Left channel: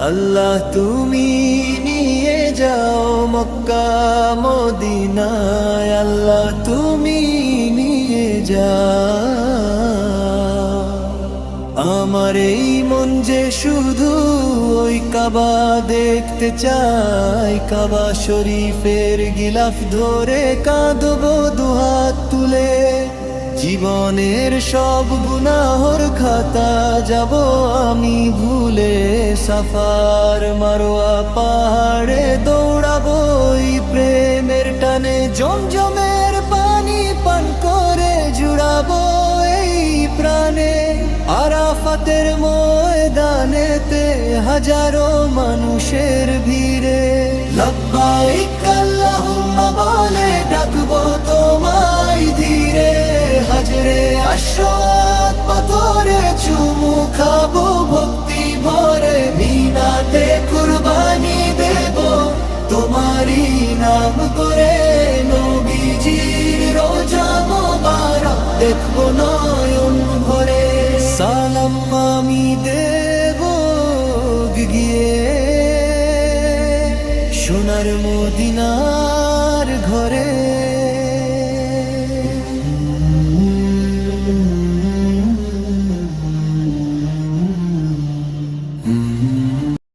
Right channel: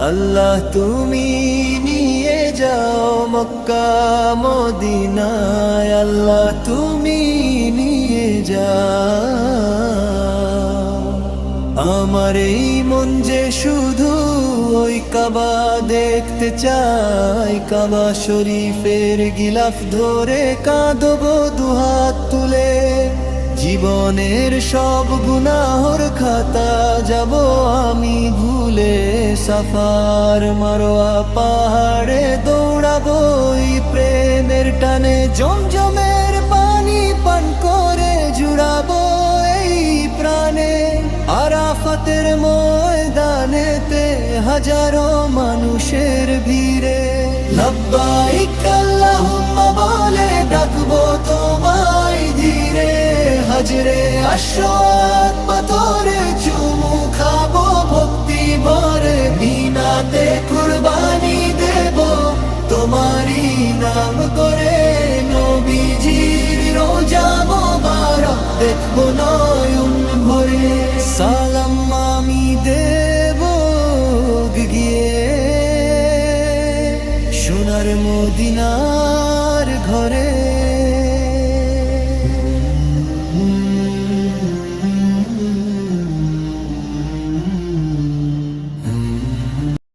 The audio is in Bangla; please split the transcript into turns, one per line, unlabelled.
আল্লাহ তুমি নিয়ে যাও মক্কা, মদিনায়। আল্লাহ তুমি নিয়ে যাও। আমার এই মন যে শুধু ওই কাবা দেখতে চাই। কাবা শরীফের গিলাফ ধরে কাঁদব, দুহাত তুলে জীবনের সব গুনাহর খাতা যাব আমি ভুলে, সাফার মারোয়া পাহাড়ে দৌড়াবো প্রেমের টানে জমজমের পানি পান করে জুড়াবো এই প্রাণে। আরাফাতের ময়দানেতে হাজারো মানুষের ভিড়ে। লব্বাইক আল্লাহুম্মা বলে, ডাকবো তোমায় ধীরে। হাজরে আশ্বাদ পাথরে চুমু খাব, ভক্তি ভরে মিনাতে কুরবানি দেব। তোমারই নাম করে নবীজির রোজা মোবারক দেখব নয়ন ভরে। সালাম আমি দেব গিয়ে। সোনার মদিনার ঘরে।